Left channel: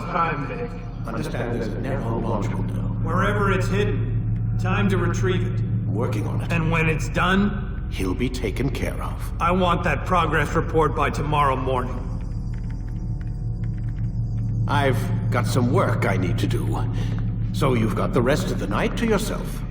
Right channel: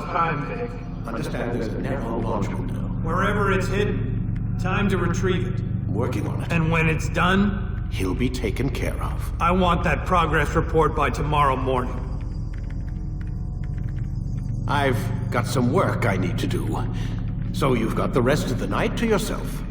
it's time, Vic. Understand there's a narrow launch window. Wherever it's hidden, time to retrieve it. I'm working on it. And when it's done, He'll be taken care of. I want that progress report by tomorrow morning. I've got some work I need to do, so you've got the rest of the night to yourself.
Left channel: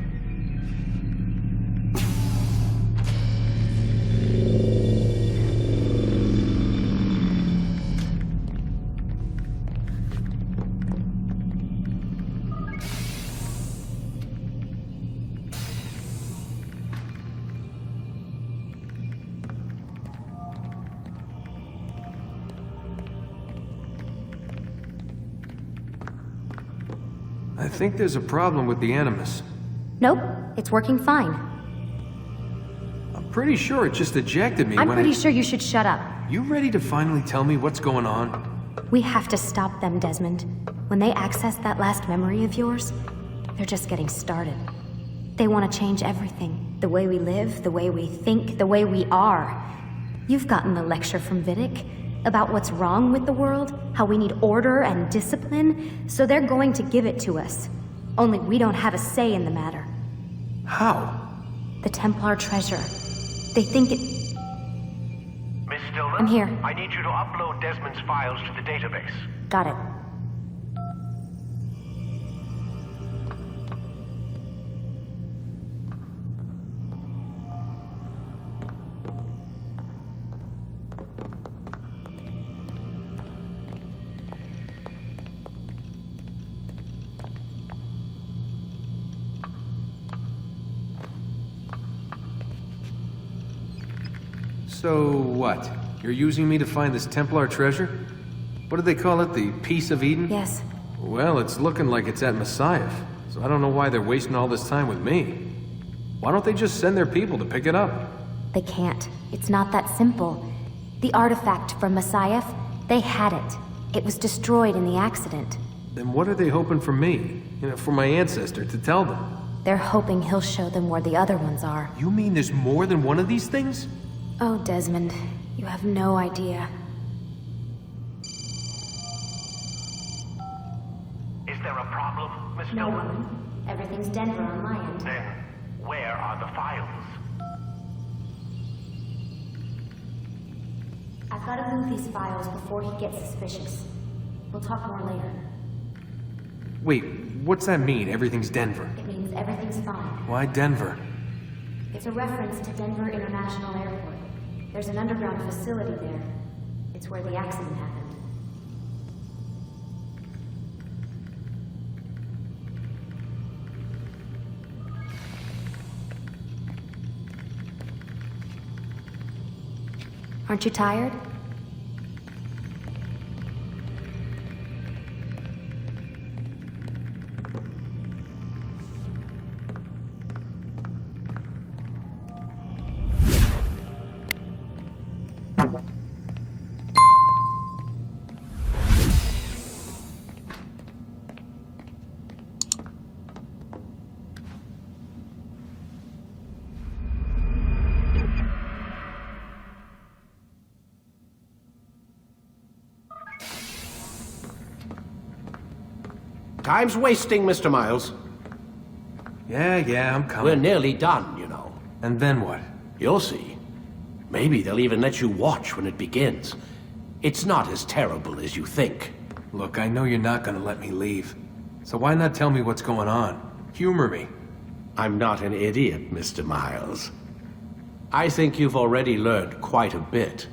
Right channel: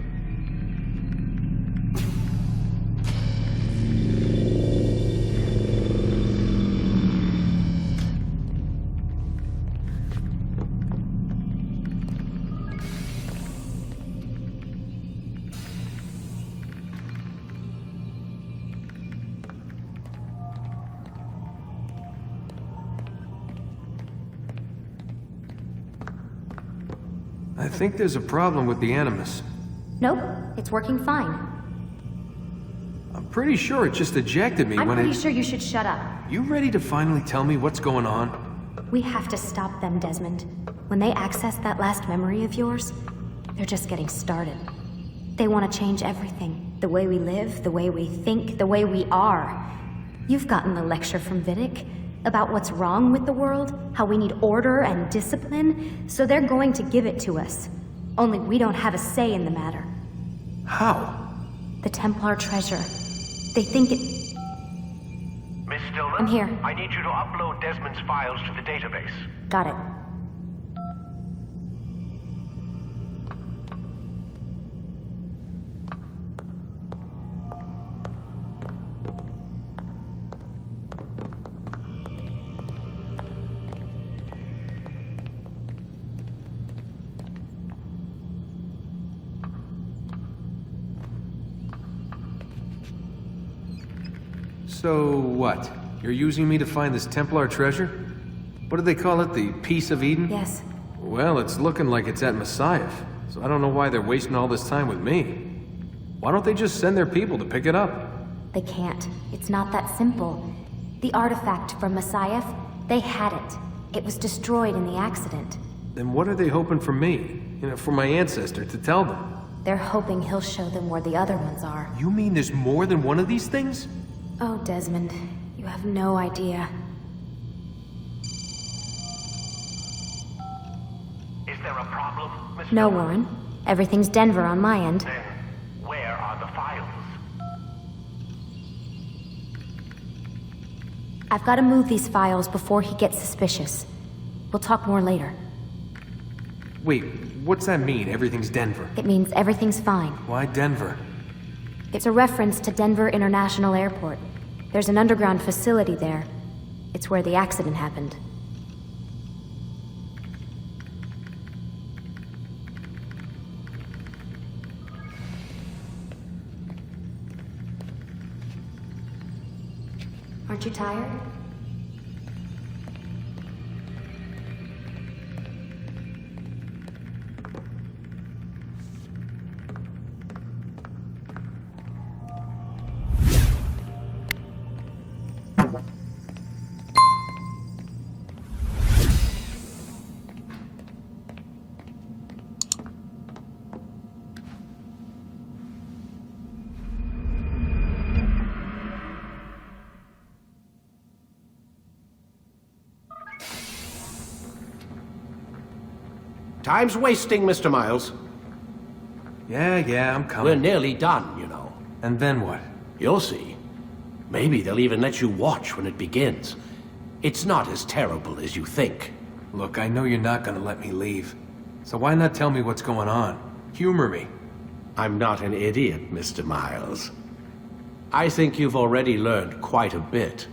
I think there's a problem with the Animus. Nope, it's working fine. I'm pretty sure it just ejected me when I'm pretty sure you should shut up. You ready to finally tell me what's going on? We have to stop them, Desmond. When they access that last memory of yours, they're just getting started. They want to change everything. The way we live, the way we think, the way we are. You've gotten the lecture from Vidic about what's wrong with the world, how we need order and discipline, so they're going to give it to us. Only we don't have a say in the matter. How? The Templar treasure. They think it... Miss Stillman? I'm here. I need you to upload Desmond's files to the database. Got it. So what? You're using me to find this Templar treasure? What do they call it? The Piece of Eden? Yes. Well, it's looking like it's at Messiah, so I don't know why they're wasting all this time with me. Why don't they just send their people to pick it up? They can't. It's not that simple. The artifact from Messiah, they had it. It was destroyed in the accident. Then what are they hoping from me? For my ancestor to tell them? They're hoping he'll show them where the other ones are. You mean there's more than one of these things? Oh, Desmond, you have no idea. Is there a problem, Miss No, Stillman? Warren. Everything's Denver on my end. Then, where are the files? I've got to move these files before he gets suspicious. We'll talk more later. Wait, what's that mean, everything's Denver? It means everything's fine. Why Denver? It's a reference to Denver International Airport. There's an underground facility there. It's where the accident happened. Aren't you tired? Time's wasting, Mr. Miles. Yeah, I'm coming. We're nearly done, you know. And then what? You'll see. Maybe they'll even let you watch when it begins. It's not as terrible as you think. Look, I know you're not gonna let me leave. So why not tell me what's going on? Humor me. I'm not an idiot, Mr. Miles. I think you've already learned quite a bit.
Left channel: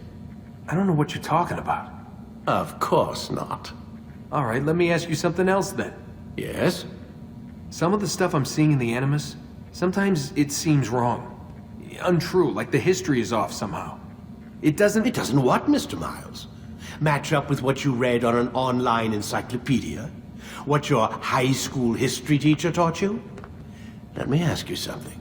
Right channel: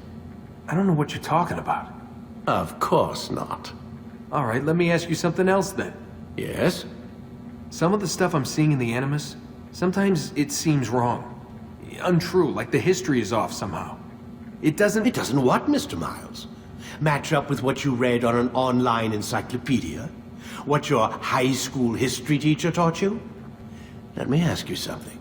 I don't know what you're talking about. Of course not. All right, let me ask you something else then. Yes? Some of the stuff I'm seeing in the Animus, sometimes it seems wrong. Untrue, like the history is off somehow. It doesn't... It doesn't what, Mr. Miles? Match up with what you read on an online encyclopedia? What your high school history teacher taught you? Let me ask you something.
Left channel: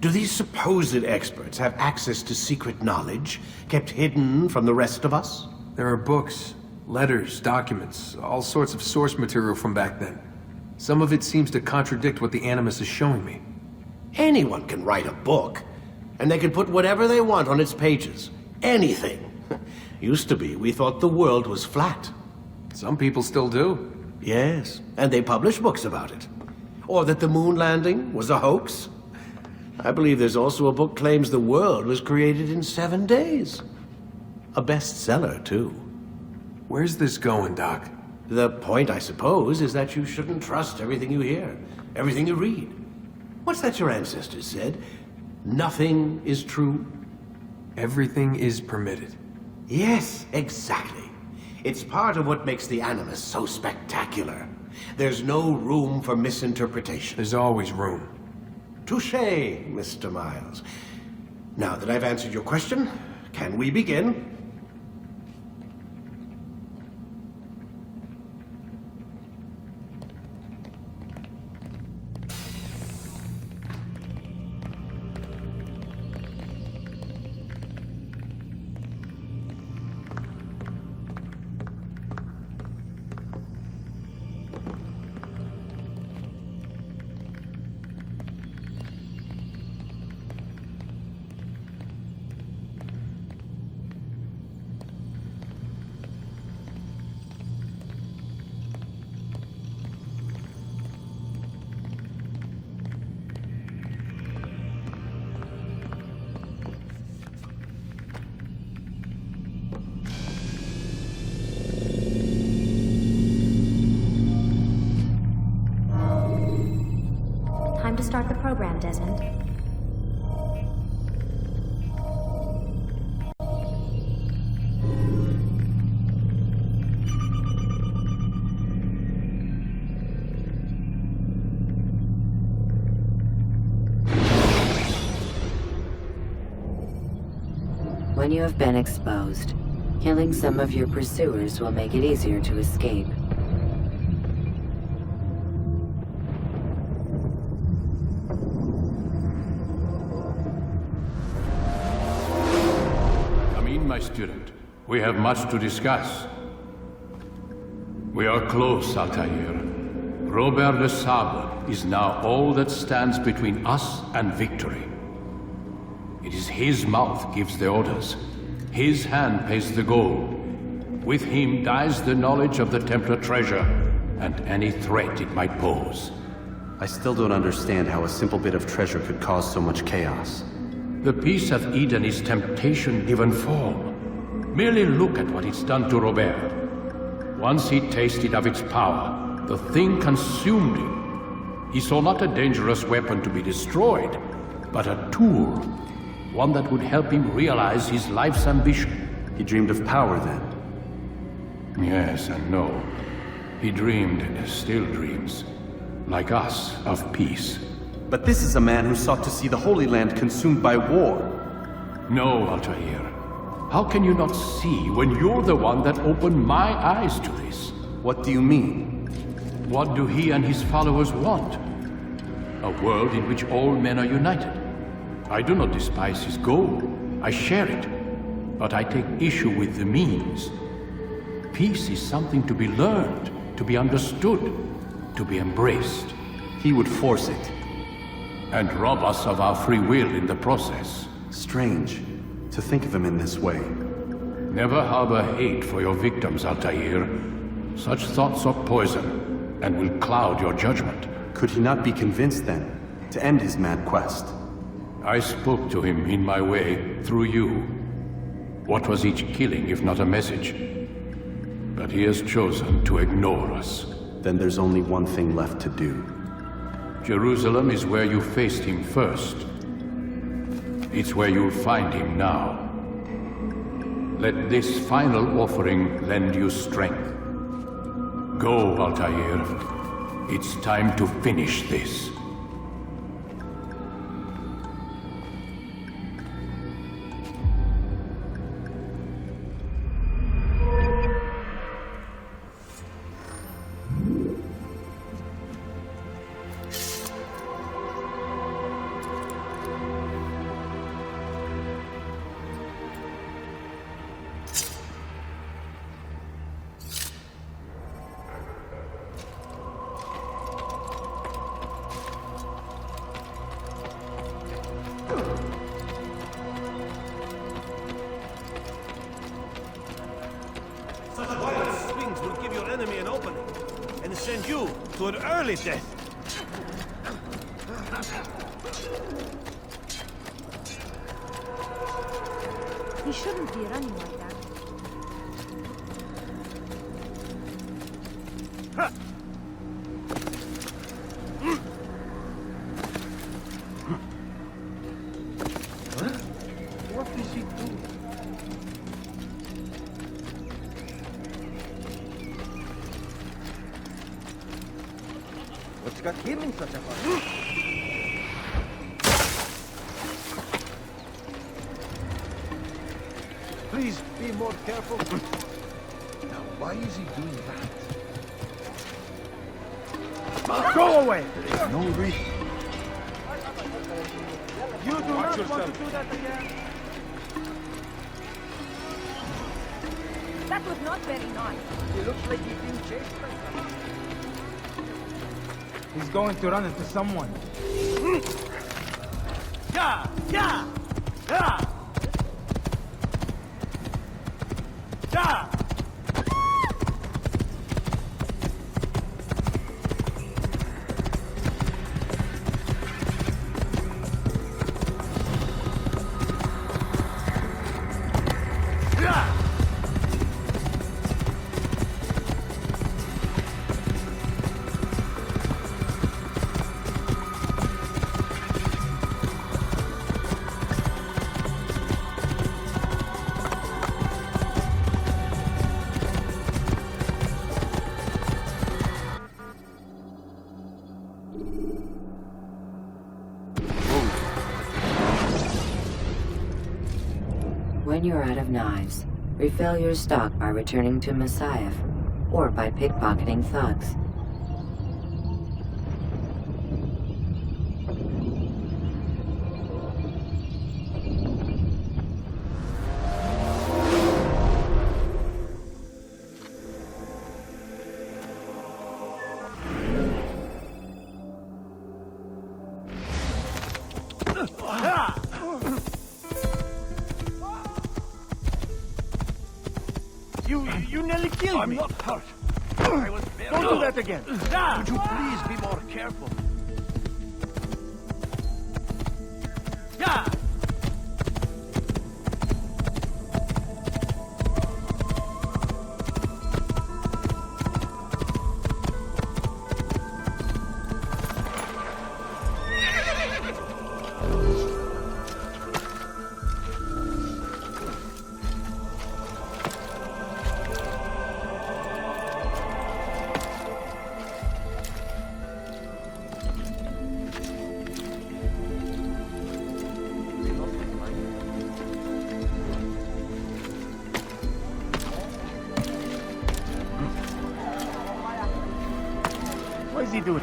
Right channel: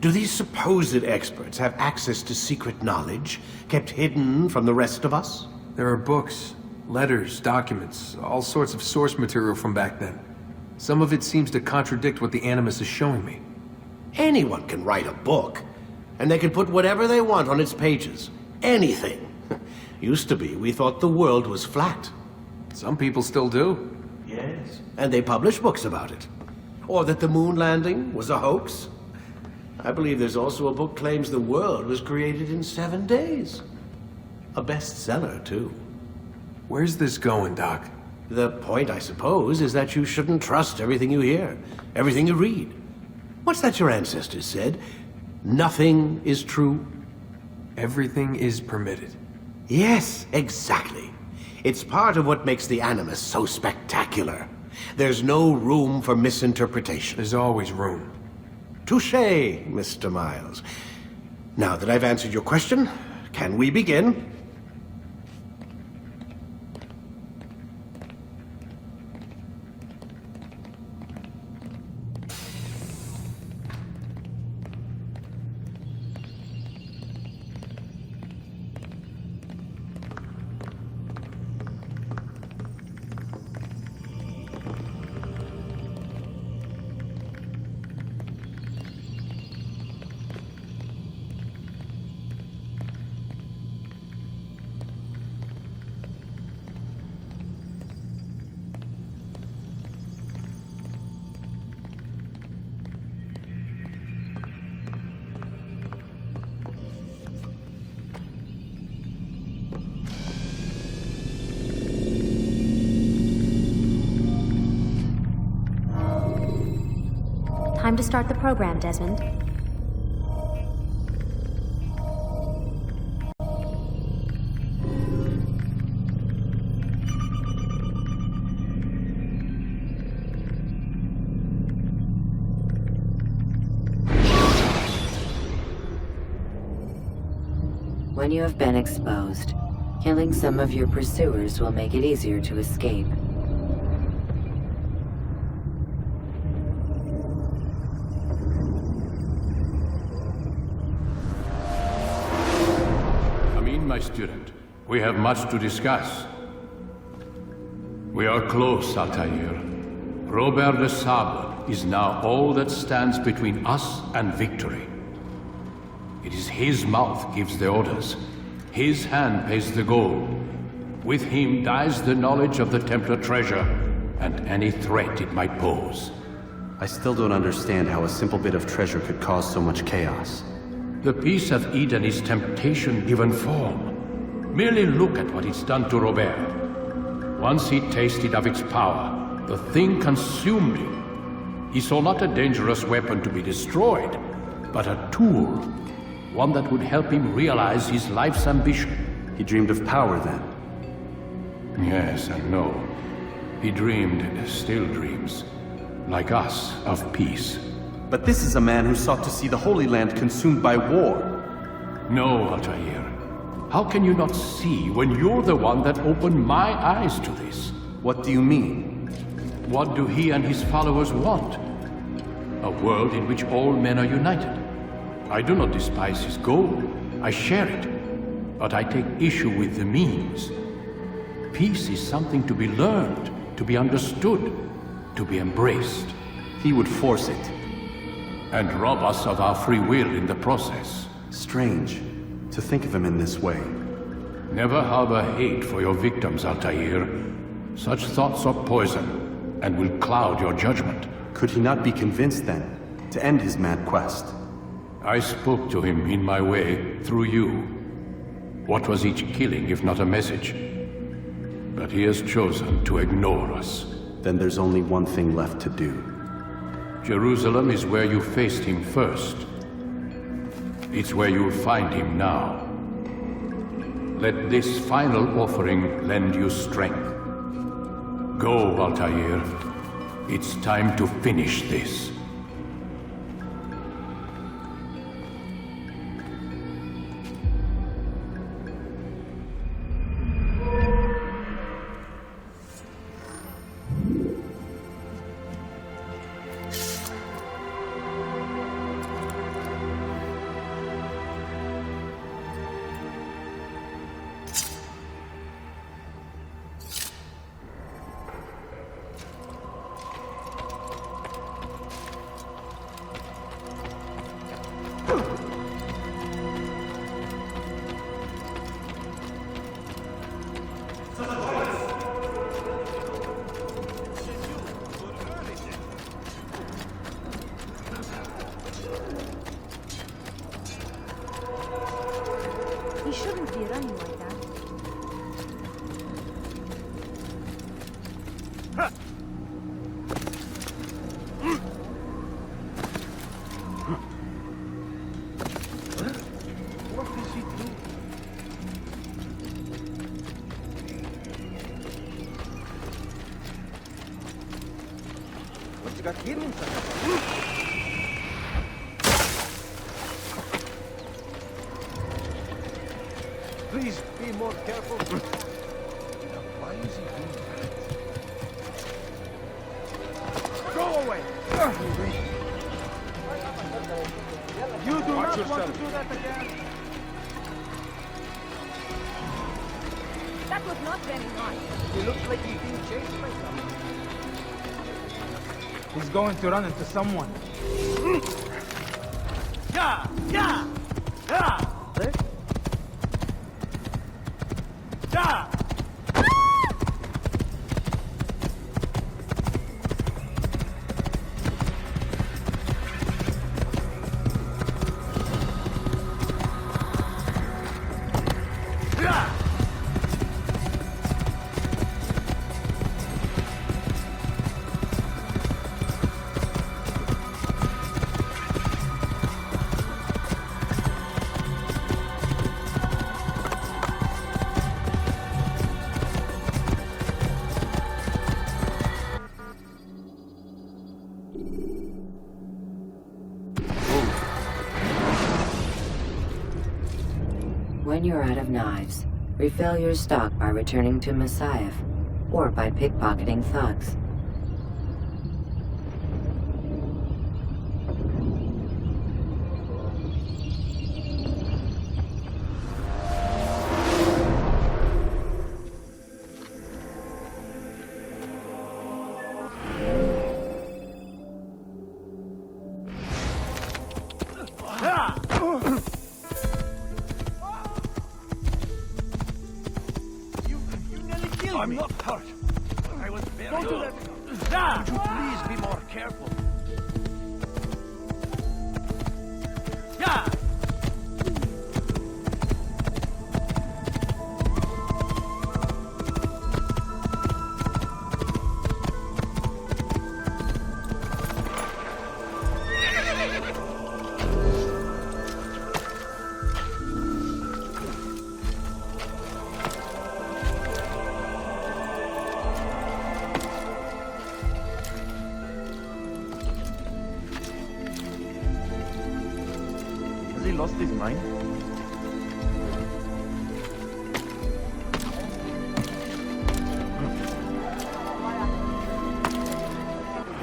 Do these supposed experts have access to secret knowledge kept hidden from the rest of us? There are books, letters, documents, all sorts of source material from back then. Some of it seems to contradict what the Animus is showing me. Anyone can write a book, and they can put whatever they want on its pages. Anything. Used to be, we thought the world was flat. Some people still do. Yes, and they publish books about it. Or that the moon landing was a hoax. I believe there's also a book claims the world was created in 7 days. A bestseller, too. Where's this going, Doc? The point, I suppose, is that you shouldn't trust everything you hear, everything you read. What's that your ancestors said? Nothing is true? Everything is permitted. Yes, exactly. It's part of what makes the Animus so spectacular. There's no room for misinterpretation. There's always room. Touché, Mr. Miles. Now that I've answered your question, can we begin? Time to start the program, Desmond. When you have been exposed, killing some of your pursuers will make it easier to escape. Come in, my student. We have much to discuss. We are close, Altair. Robert de Sable is now all that stands between us and victory. It is his mouth gives the orders. His hand pays the gold. With him dies the knowledge of the Templar treasure and any threat it might pose. I still don't understand how a simple bit of treasure could cause so much chaos. The peace of Eden is temptation given form. Merely look at what it's done to Robert. Once he tasted of its power, the thing consumed him. He saw not a dangerous weapon to be destroyed, but a tool. One that would help him realize his life's ambition. He dreamed of power then. Yes and no. He dreamed, still dreams, like us, of peace. But this is a man who sought to see the Holy Land consumed by war. No, Altair. How can you not see when you're the one that opened my eyes to this? What do you mean? What do he and his followers want? A world in which all men are united. I do not despise his goal. I share it. But I take issue with the means. Peace is something to be learned, to be understood, to be embraced. He would force it. And rob us of our free will in the process. Strange to think of him in this way. Never harbor hate for your victims, Altair. Such thoughts are poison, and will cloud your judgment. Could he not be convinced then, to end his mad quest? I spoke to him in my way, through you. What was each killing if not a message? But he has chosen to ignore us. Then there's only one thing left to do. Jerusalem is where you faced him first. It's where you'll find him now. Let this final offering lend you strength. Go, Altair. It's time to finish this. Kill it then. Go away! Yeah! Yeah! Yeah! Yeah! When you're out of knives, refill your stock by returning to Messiah, or by pickpocketing thugs. You nearly killed me. Don't do that again. Ah! Yeah! Has he lost his mind? What is he doing?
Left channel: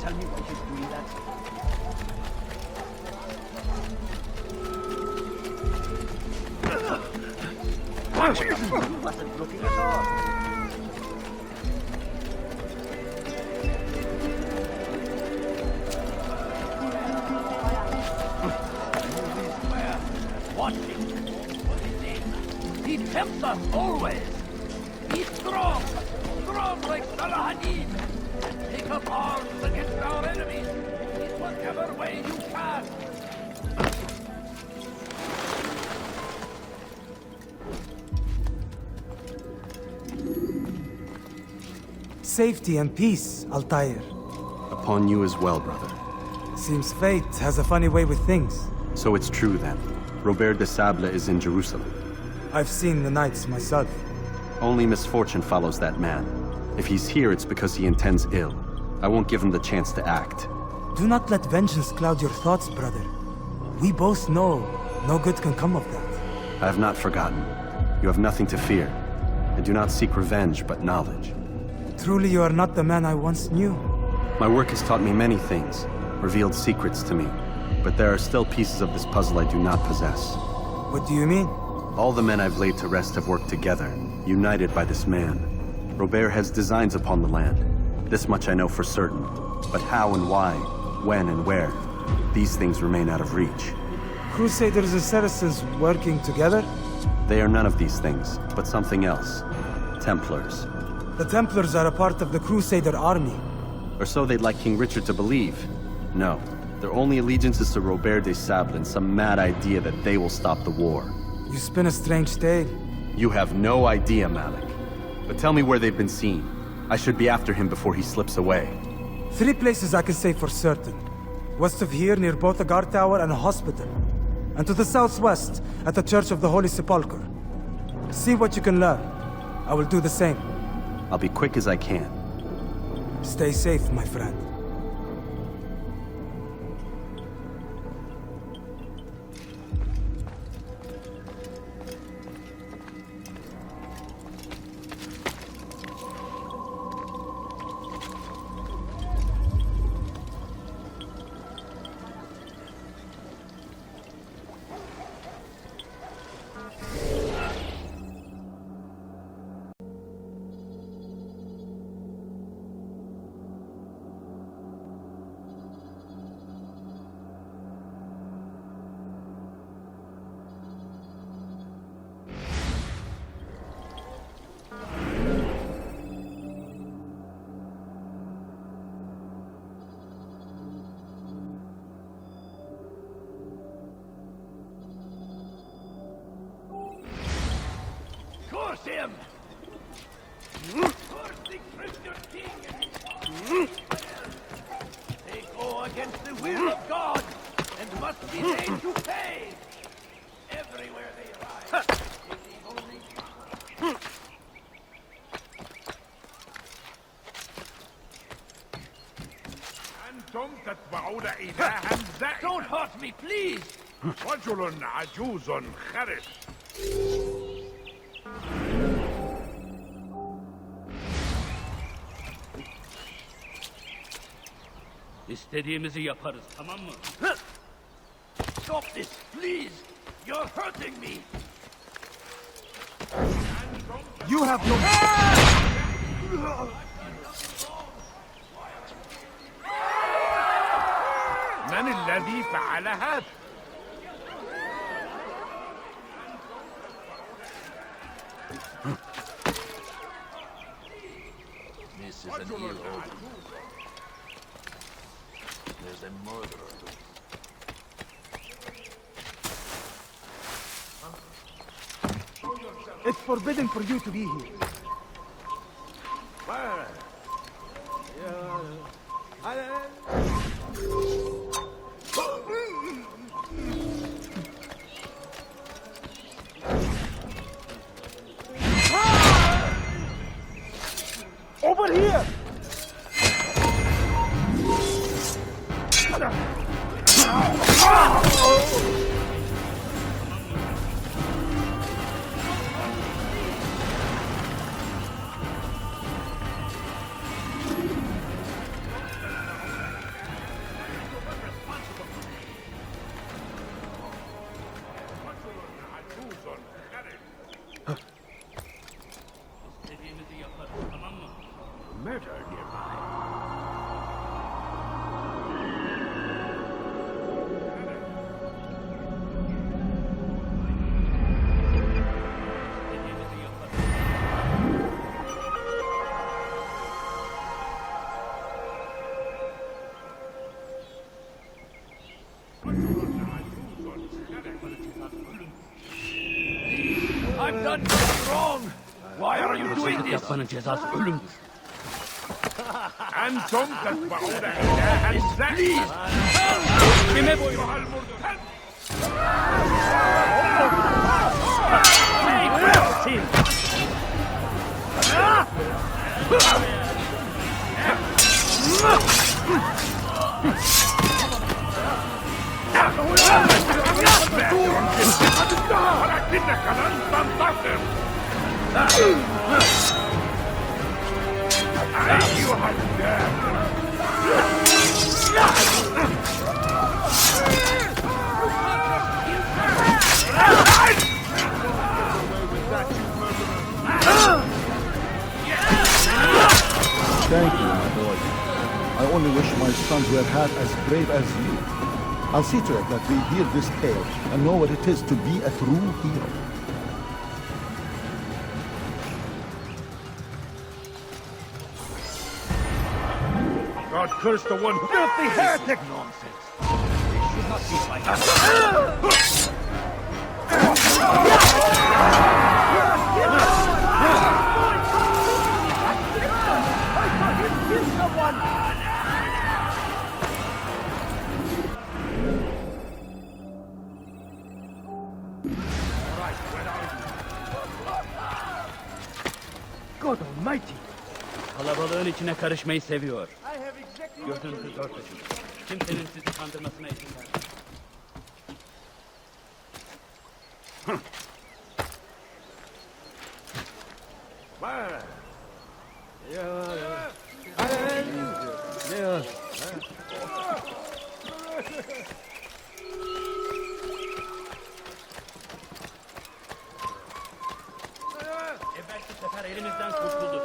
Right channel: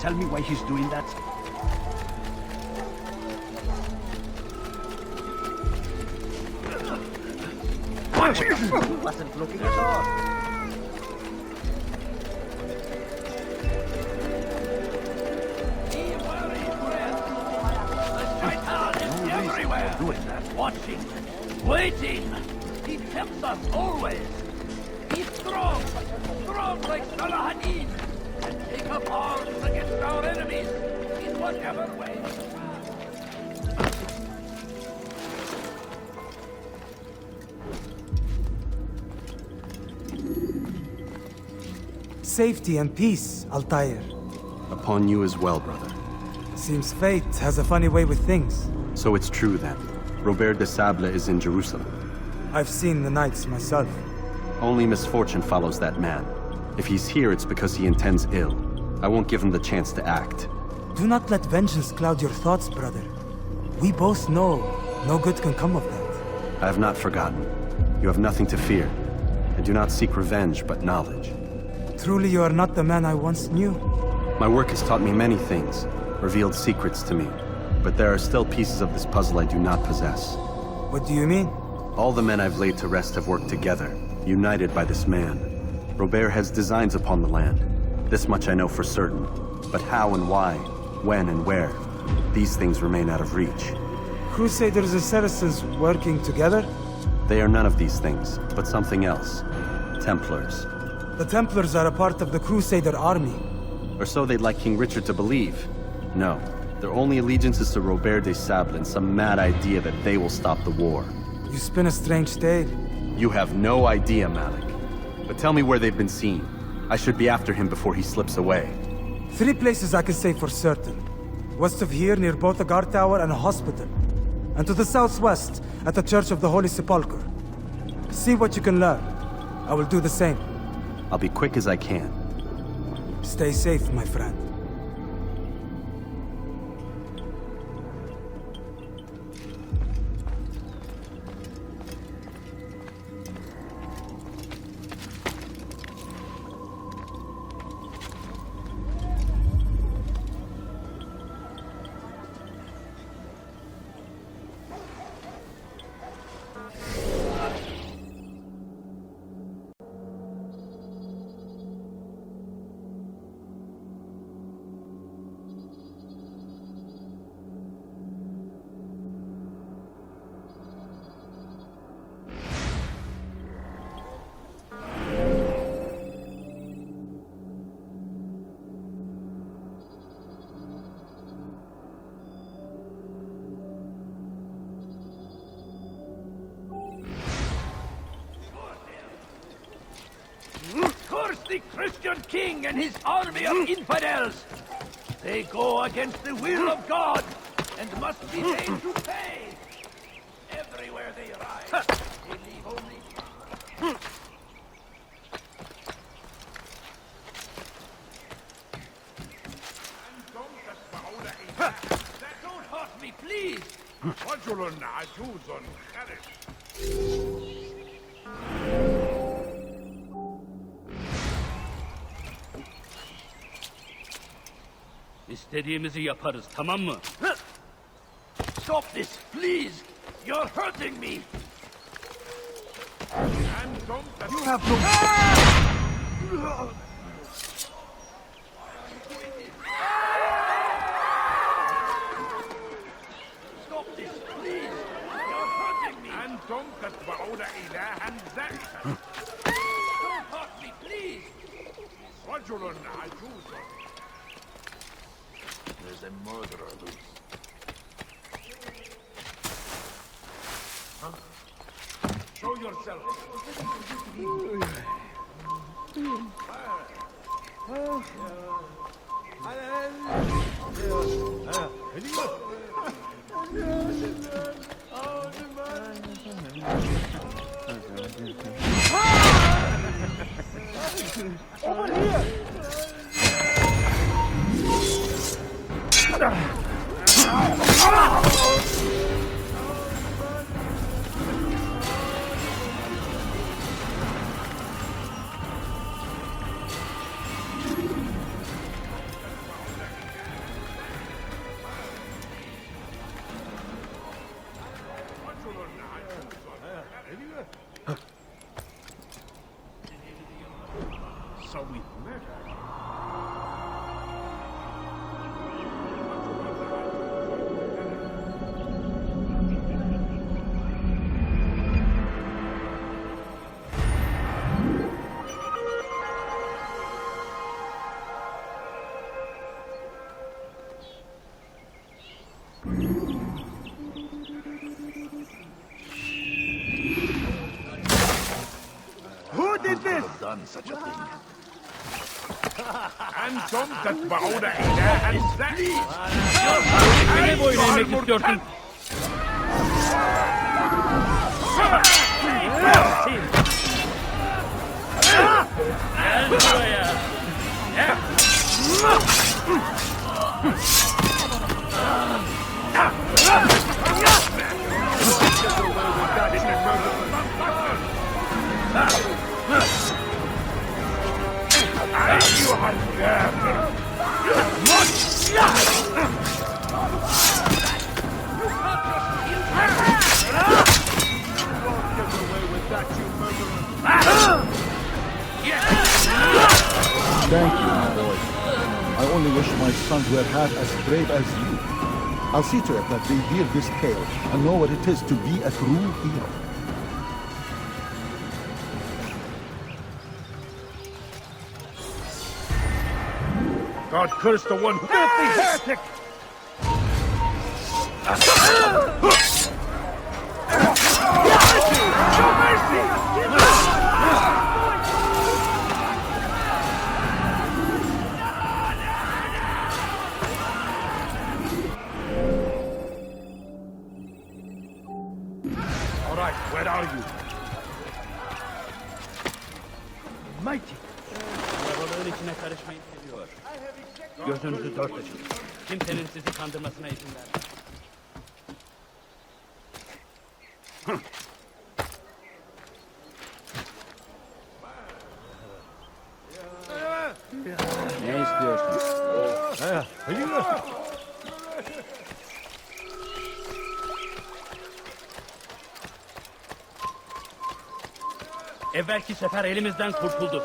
Tell me why she's doing that. Everywhere. Watching. Waiting. Safety and peace, Altair. Upon you as well, brother. Seems fate has a funny way with things. So it's true then. Robert de Sable is in Jerusalem. I've seen the Knights myself. Only misfortune follows that man. If he's here, it's because he intends ill. I won't give him the chance to act. Do not let vengeance cloud your thoughts, brother. We both know no good can come of that. I have not forgotten. You have nothing to fear. I do not seek revenge, but knowledge. Truly, you are not the man I once knew. My work has taught me many things, revealed secrets to me. But there are still pieces of this puzzle I do not possess. What do you mean? All the men I've laid to rest have worked together, united by this man. Robert has designs upon the land. This much I know for certain. But how and why, when and where, these things remain out of reach. Crusaders and Saracens working together? They are none of these things, but something else. Templars. The Templars are a part of the Crusader army. Or so they'd like King Richard to believe. No, their only allegiance is to Robert de Sable and some mad idea that they will stop the war. You spin a strange tale. You have no idea, Malik. But tell me where they've been seen. I should be after him before he slips away. 3 places I can say for certain. West of here, near both a guard tower and a hospital. And to the southwest, at the Church of the Holy Sepulchre. See what you can learn. I will do the same. I'll be quick as I can. Stay safe, my friend. Curse the Christian king and his army of infidels! They go against the will of God! Don't hurt me, please! رجل عجوز خرس. İstediğimizi yaparız, tamam mı? Stop this, please! You're hurting me! You... من الذي فعل هذا؟ أنتم تتبعون إلها ذكي. This is an ill omen. It's forbidden for you to be here. Over here! So we murdered him. I've done nothing wrong! Why are you doing this? Yapmanın cezası ölümdür. أنتم تتبعون إلها ذكي. Kime boyun eğmek istiyorsun? Thank you, my boy. I only wish my sons were half as brave as you. I'll see to it that they hear this tale and know what it is to be a true hero. God curse the one who filthy heretic! Kalabalığın içine karışmayı seviyor. Gözünüzü tut. Evvelki sefer elimizden kurtuldu.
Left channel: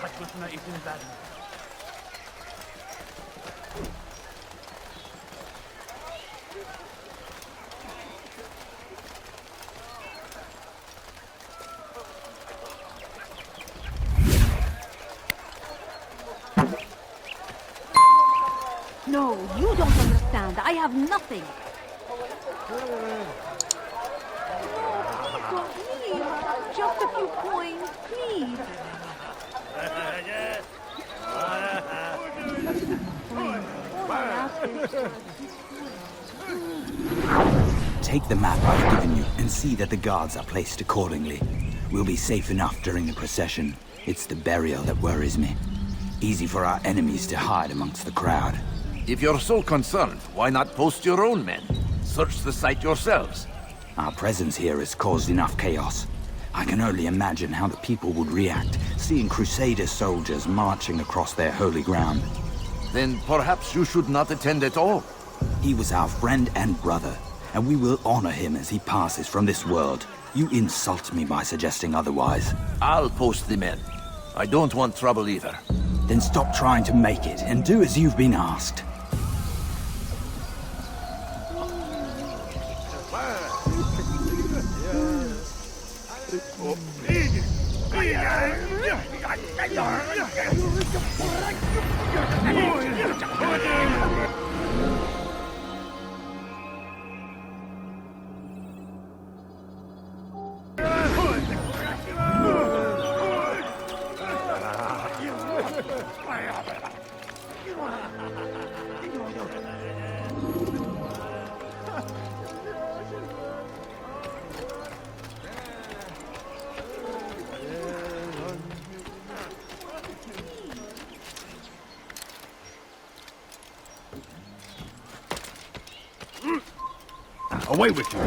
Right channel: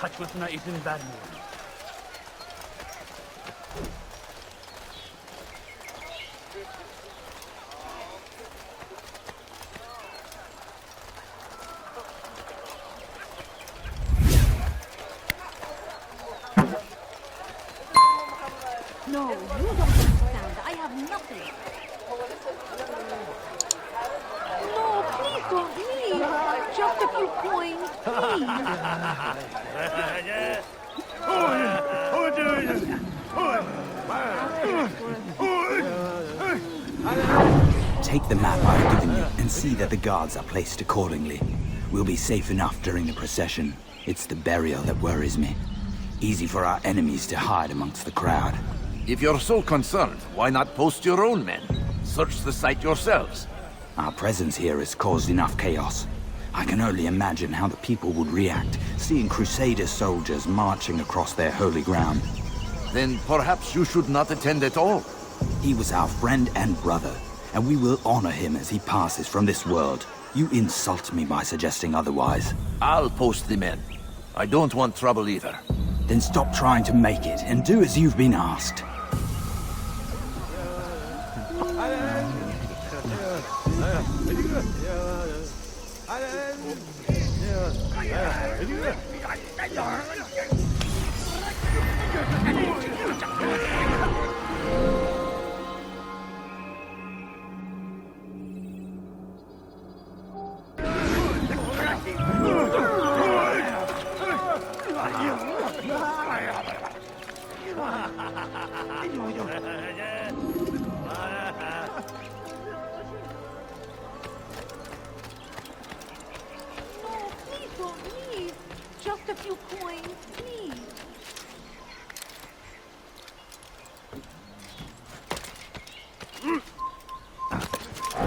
Kaçmasına izin verme. No, you don't understand. I have nothing. Take the map I've given you and see that the guards are placed accordingly. We'll be safe enough during the procession. It's the burial that worries me. Easy for our enemies to hide amongst the crowd. If you're so concerned, why not post your own men? Search the site yourselves. Our presence here has caused enough chaos. I can only imagine how the people would react, seeing Crusader soldiers marching across their holy ground. Then perhaps you should not attend at all. He was our friend and brother, and we will honor him as he passes from this world. You insult me by suggesting otherwise. I'll post the men. I don't want trouble either. Then stop trying to make it, and do as you've been asked. Away with you.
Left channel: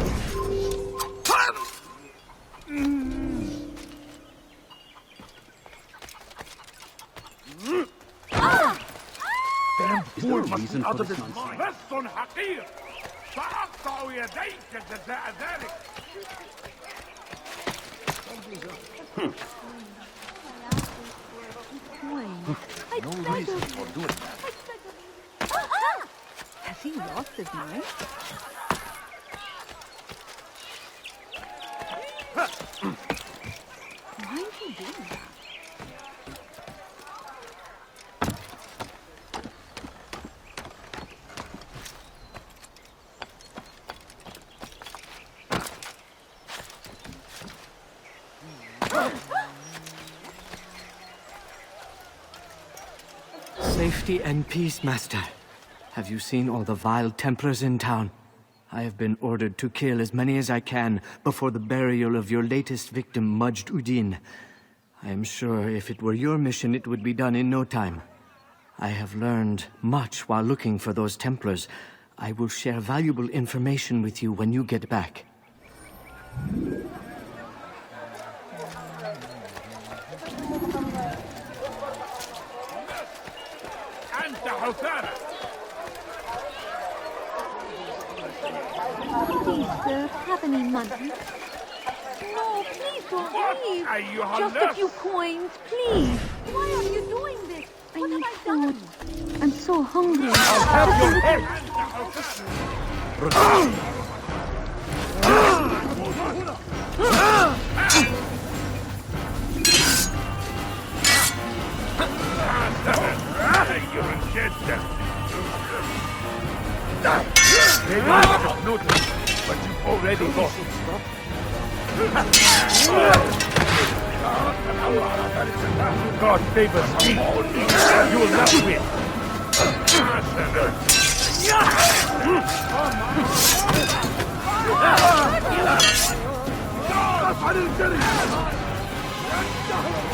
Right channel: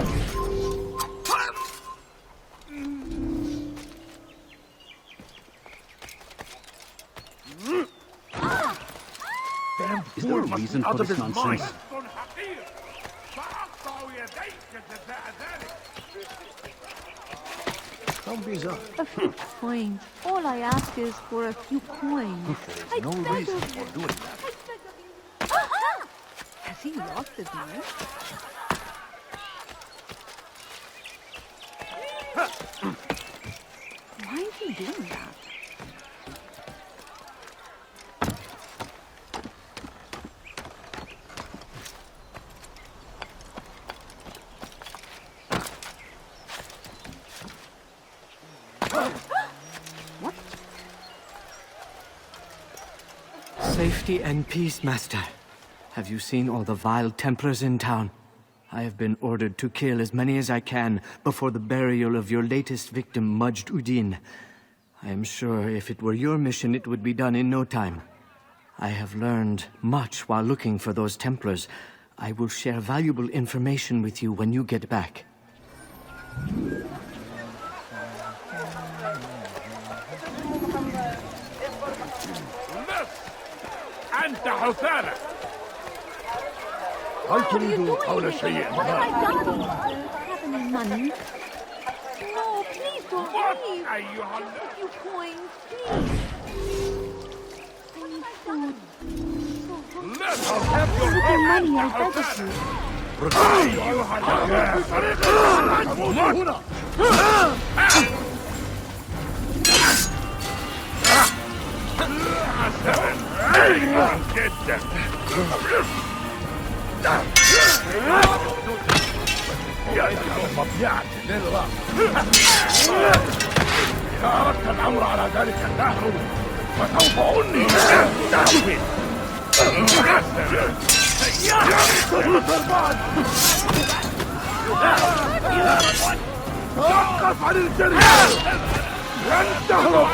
A few coins. All I ask is for a few coins. Safety and peace, Master. Have you seen all the vile Templars in town? I have been ordered to kill as many as I can before the burial of your latest victim, Majd Udin. I am sure if it were your mission, it would be done in no time. I have learned much while looking for those Templars. I will share valuable information with you when you get back. أنت حثالة. هل تريد قول شيء؟ What have I done to you, sir? Have any money? Just a few coins, please. Why are you doing this? I need food. I'm so hungry. I'll have your head. Money, I beg of you. God favors me. You will not win. افعل الجريمة. انتهوا.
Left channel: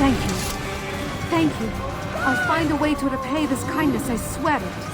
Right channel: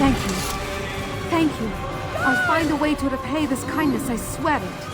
Thank you. Thank you. I'll find a way to repay this kindness, I swear it.